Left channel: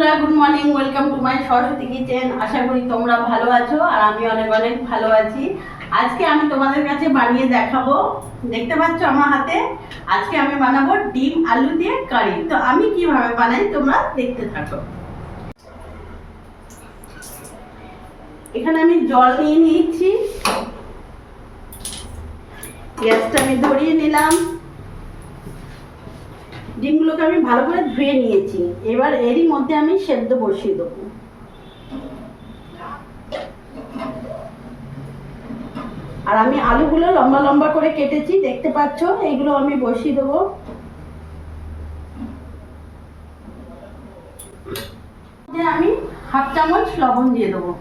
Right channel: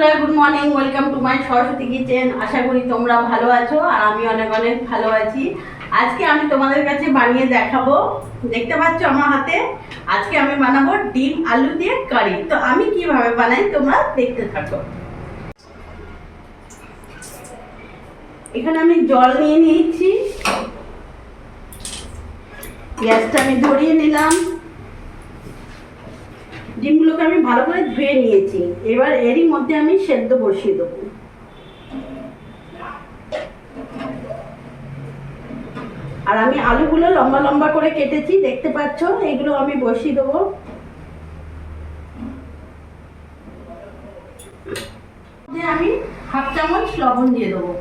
বন্ধুরা, good morning. Welcome to my Saraswati kitchen. আশা করি তোমরা ভালো আছো আর আমি অনেক অনেক ভালো আছি। আজকে আমি তোমাদের কাছে বানিয়ে দেখাবো, দেখতে পাচ্ছ আমার হাতে। আজকে আমি বানাবো ডিম আলু দিয়ে কারি। তো আমি কিভাবে বানাই তোমরা দেখতে থাকো। এখানে আমি জল নিয়ে নিয়েছি, গ্যাসটা আমি ধরিয়ে নিলাম। ডিমগুলোকে আমি ভালো করে ধুয়ে নিয়েছি। এবার এরই মধ্যে আমি সেদ্ধ বসিয়ে দেবো। আর আমি আলুগুলো লম্বা লম্বা করে কেটেছি, দেখতে পাচ্ছ। এগুলো আমি বসিয়ে দেবো। আমি হাফ চামচ লবণ দিয়ে দেবো।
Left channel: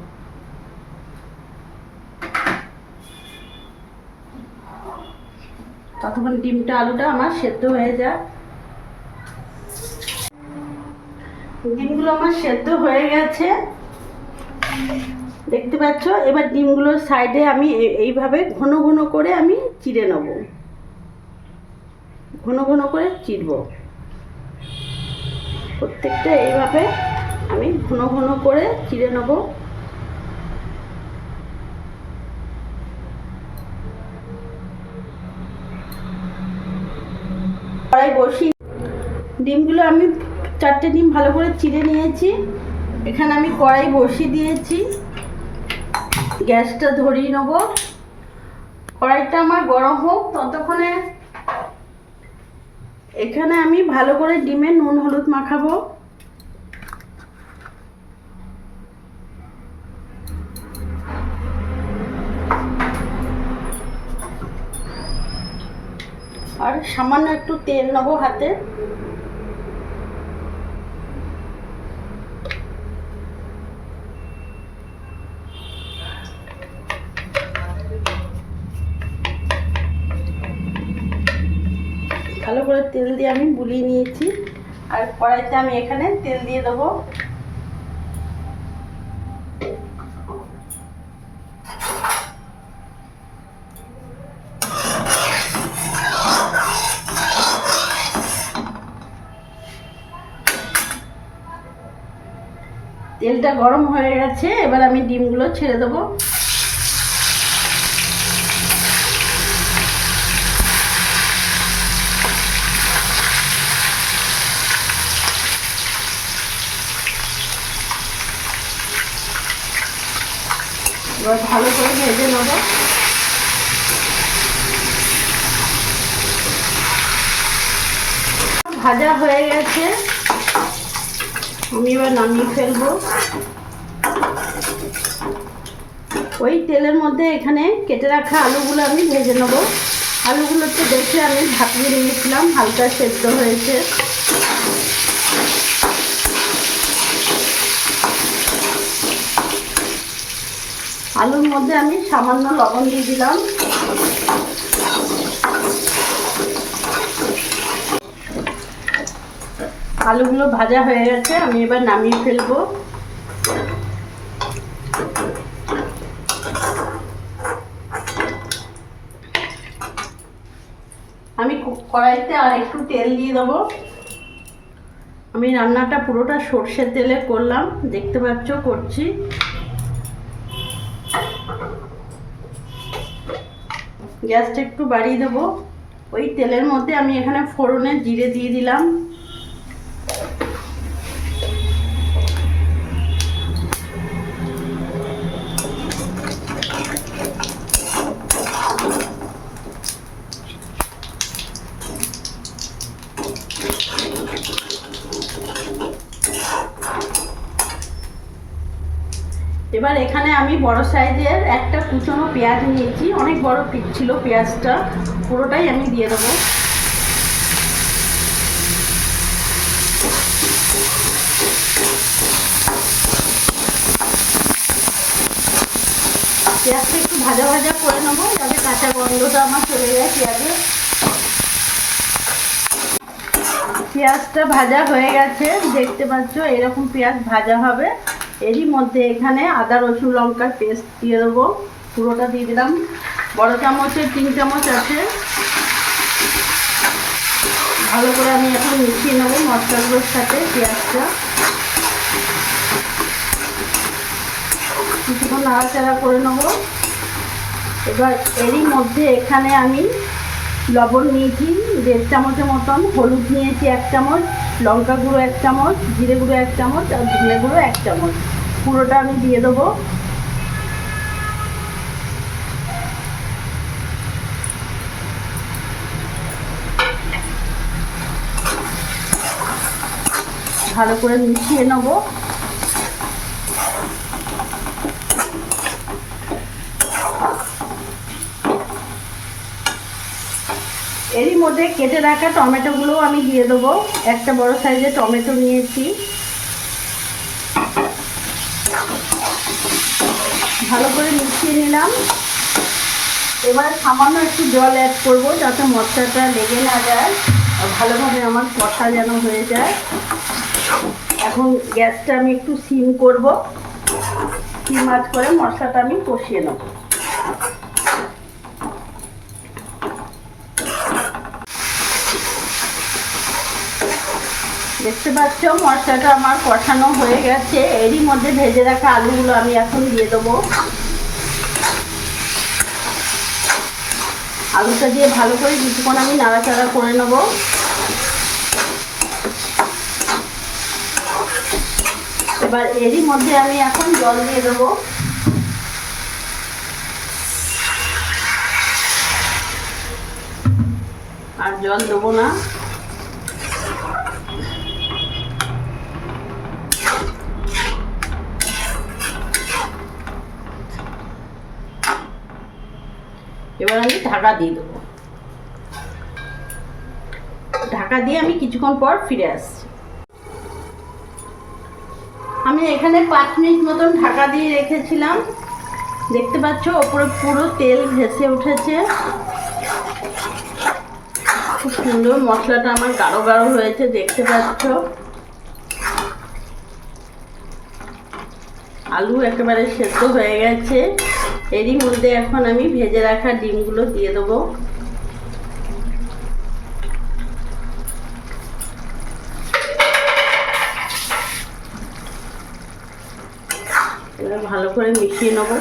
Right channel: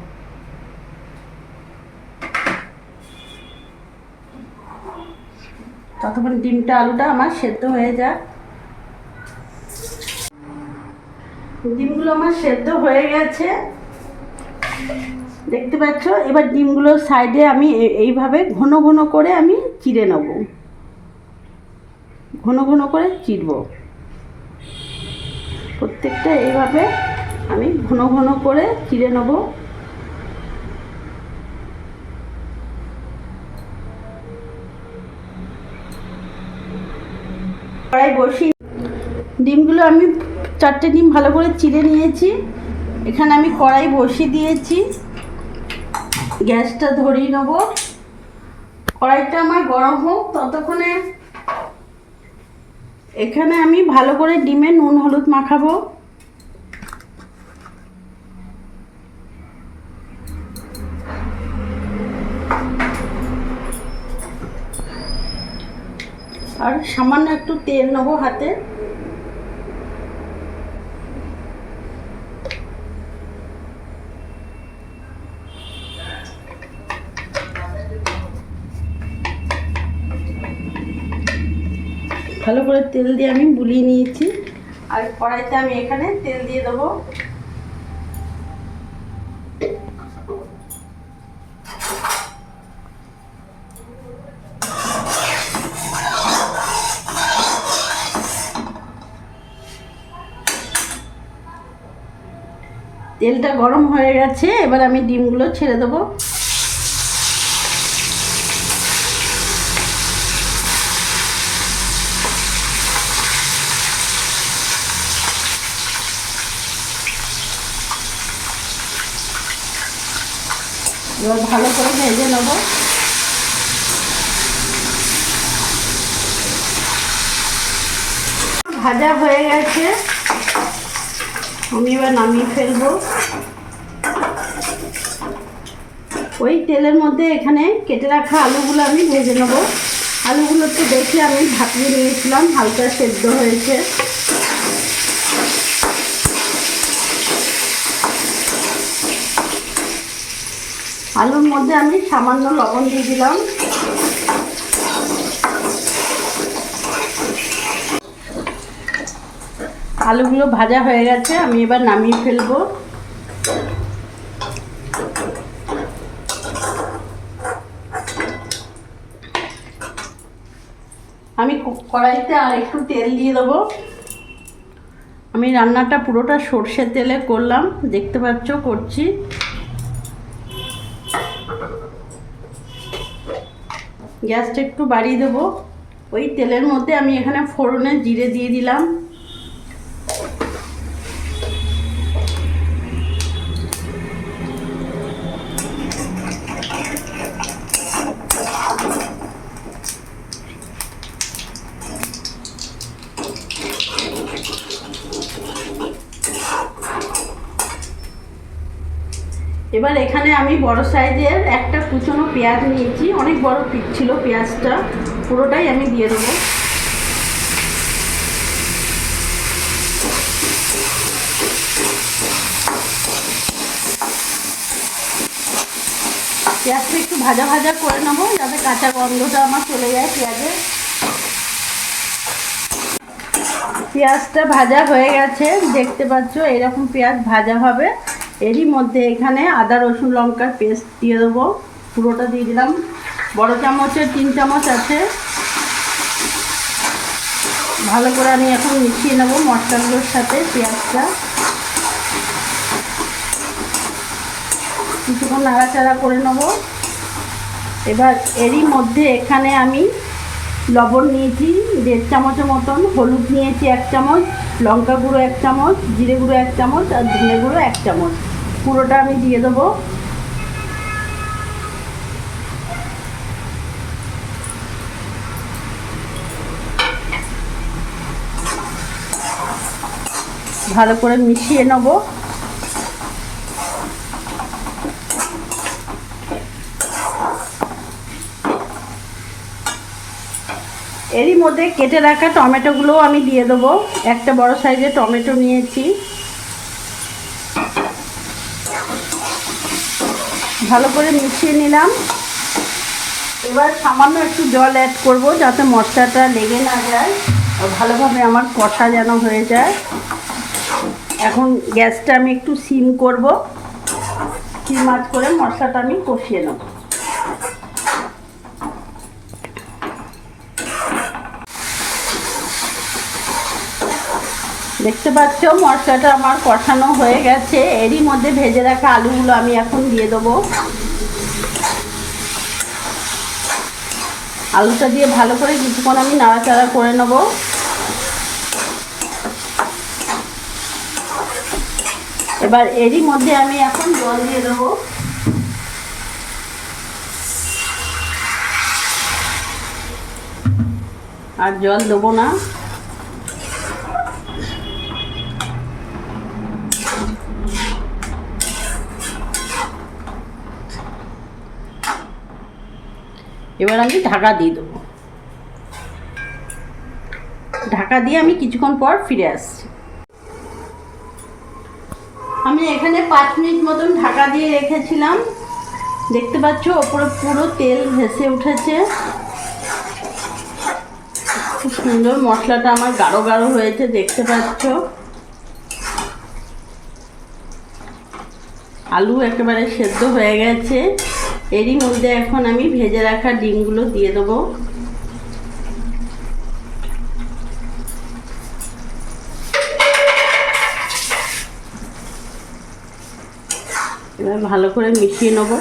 ততক্ষণ ডিমটা আলুটা আমার সেদ্ধ হয়ে যায়। ডিমগুলো আমার সেদ্ধ হয়ে গেছে, দেখতে পাচ্ছ। এবার ডিমগুলোর সাইডে আমি এইভাবে ঘন ঘন করে আমি চিড়ে নেব, ঘন ঘন করে চিড়ব। প্রত্যেকটা এইভাবে আমি ঘন ঘন করে চিড়ে নেব। কড়াই বসি, ডিমগুলো আমি 4টে ডিম ভালো করে চিড়ে নিয়েছি। এখানে আমি কড়াই বসিয়ে দিয়েছি, গ্যাসটা ধরিয়ে নেব। কড়াইটা আমার গরম হোক ততক্ষণে এখানে আমি ভালো করে ডিমে নুন হলুদ মাখাবো। আর সামান্য একটু তেল নেবো হাতে। ভালো করে তেল দিয়ে আমি বুলিয়ে নিয়েছি। আর কড়াইতে আমি এখানে তেল দিয়ে দেবো। তেলটা গরম হয়ে গেছে, এবার আমি ডিমগুলো ছেড়ে দেবো। এবার ভালো করে ভেজে নেব। ভাজা হয়ে গেছে, আমি এবার নামিয়ে ফেলবো। ওই তেলের মধ্যে এখানে কেটে রাখা আলুগুলো আমি ভেজে নেব। আলুগুলো তো দেখে আমি ভাপিয়ে নিয়েছিলাম, হালকা সেদ্ধ হয়েছে। আলুর মধ্যে আমি সামান্য লবণ দিয়ে দিলাম। আলুগুলো ভাজা হয়ে গেছে, আমি এবার নামিয়ে ফেলবো। আমি কড়াইতে আর একটু তেল দিয়ে দেবো। আমি রান্নাটা পুরোটা সর্ষের তেলে করলাম, দেখতে পাচ্ছ করছি। গ্যাসটা একটু বাড়িয়ে দেবো। ওই তেলের মধ্যে আমি এখানে ফোড়নে জিরে দিয়ে দিলাম। এবার এখানে আমি বড় সাইজের একটা কুচনো পেঁয়াজ নিয়েছি, অনেক বড় পিস ছিল পেঁয়াজটা, পুরোটাই আমি দিয়ে দেবো। পেঁয়াজটা একটু ভাজা ভাজা করে নেবো, যাতে কাঁচা গন্ধটা আমার চলে যায় পেঁয়াজের। পেঁয়াজটা ভাজা হয়ে গেছে, দেখতে পাচ্ছ এরকম পেঁয়াজ ভাজা হবে। এরই মধ্যে এখানে আদা রসুন লঙ্কার পেস্ট দিয়ে দেবো, পুরোটা দিয়ে দিলাম। বড় চামচের 3 চামচ আছে। ভালো করে আমি এখন মিশিয়ে নেবো মশলাগুলোর সাথে পেঁয়াজটা। কিছুক্ষণ নাড়াচাড়া করে নেব। এবার এরই মধ্যে এখানে আমি লবণ নিয়েছি 1.5 চামচের মতন, হলুদ নিয়েছি 1 চামচ, লঙ্কা গুঁড়ো 1 চামচ, জিরে গুঁড়ো 1 চামচ আর ধনে গুঁড়ো 1 চামচ, পুরোটা আমি দিয়ে দেবো। ভালো করে মিশিয়ে নেব। এরই মধ্যে কেটে রাখা টমেটোগুলো আমি দিয়ে দেবো। একটা বড় সাইজের টমেটো নিয়েছি। ভালো করে মিশিয়ে নিলাম। এবার সামান্য একটু জল অ্যাড করব যাতে মশলাটা লেগে না যায় আর ভালোভাবে আমার কষা যেন হয়ে যায়। এখন গ্যাসটা আমি একটু সিম করব, সিম আঁচ করে মশলাটা আমি কষিয়ে নেব। দেখতে পাচ্ছ মশলাটা আমার কষানো হয়ে গেছে। এরই মধ্যে ভেজে রাখা আলুগুলো আমি এখন দিয়ে দেবো। আলুটা দিয়ে ভালো করে কিছুক্ষণ আমি নাড়াচাড়া করে নেব। এবার এরই মধ্যে আমি এখন জল দিয়ে দেবো। আর জল দেবো না। এবার আমি ঢাকা দিয়ে দেবো। ঢাকা দিয়ে আমি কিছুক্ষণ পর ফিরে আসছি। আমি এখানে 5 মিনিট মতন ঢাকা দিয়ে রেখেছিলাম। দেখতে পাচ্ছ ওপরে পুরো তেল ভেসে উঠেছে। খুব সুন্দর মশলাটা আমার গাঢ় গাঢ় হয়েছে, দেখতে পাচ্ছ। আলু একেবারে সেদ্ধ হয়ে গেছে। এরই মধ্যে এখন আমি ভেজে রাখা ডিমগুলো দিয়ে দেবো। এবার ভালো করে মিশিয়ে নেব।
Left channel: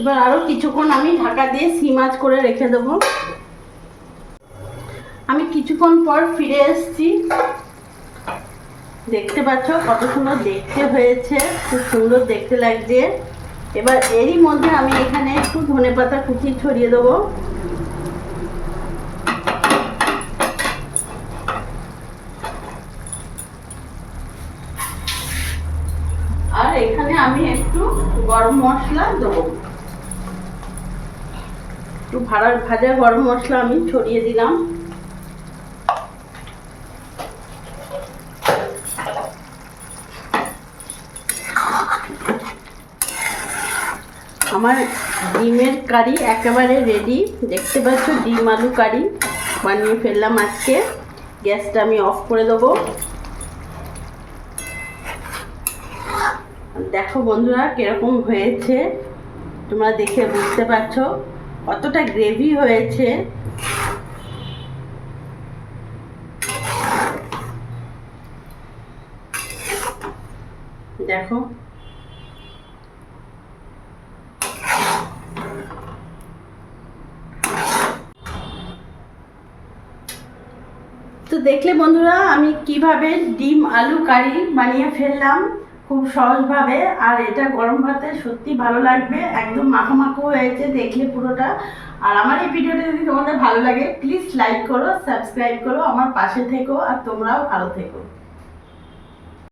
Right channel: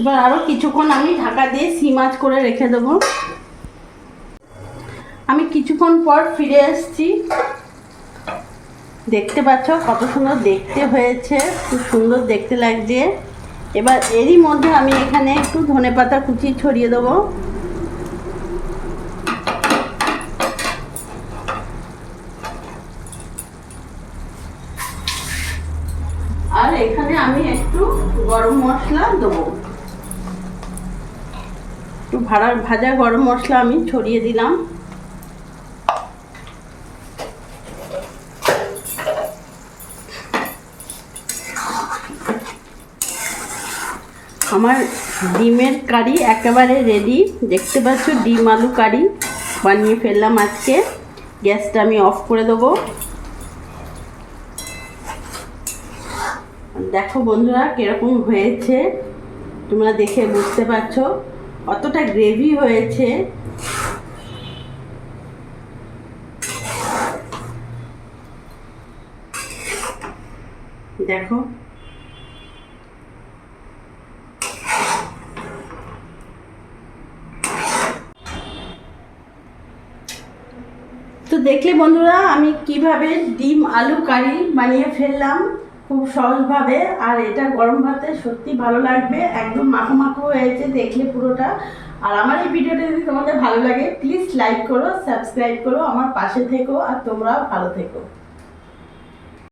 এবার আরো কিছুক্ষণ আমি ঢাকা দিয়ে সিম আঁচ করে রেখে দেবো। আমি কিছুক্ষণ পর ফিরে এসেছি। দেখতে পাচ্ছ কত সুন্দর দেখতে হয়েছে, খুব সুন্দর দেখতে লাগছে। এবার এরই মধ্যে আমি এখানে একটু ধনেপাতা কুচি ছড়িয়ে দেবো। আর এখানে আমি একটু গরম মশলা দেবো। একটু ভাজা গরম মশলা আমি ছড়িয়ে দিলাম। আমার ডিমের কারি একেবারে রেডি। দেখতে পাচ্ছ ডিম আলু কারি বানিয়ে ফেললাম আজকে। গ্যাসটা আমি অফ করে দেবো। দেখো বন্ধুরা কিরকম হয়েছে, তোমরা দেখে বুঝতে পারছো কতটা গ্রেভি হয়েছে। দেখো তো দেখলে বন্ধুরা আমি কিভাবে ডিম আলু কারি বানিয়ে ফেললাম খুব সহজভাবে। আর এটা গরম ভাতে সত্যি ভালো লাগবে, একদম মাখো মাখো হয়েছে দেখলে পুরোটা। আর আমার এই ভিডিওটা যদি তোমাদের ভালো লাগে প্লিজ লাইক করো, সাবস্ক্রাইব করো, আমার পাশে থেকো আর তোমরাও ভালো থেকো।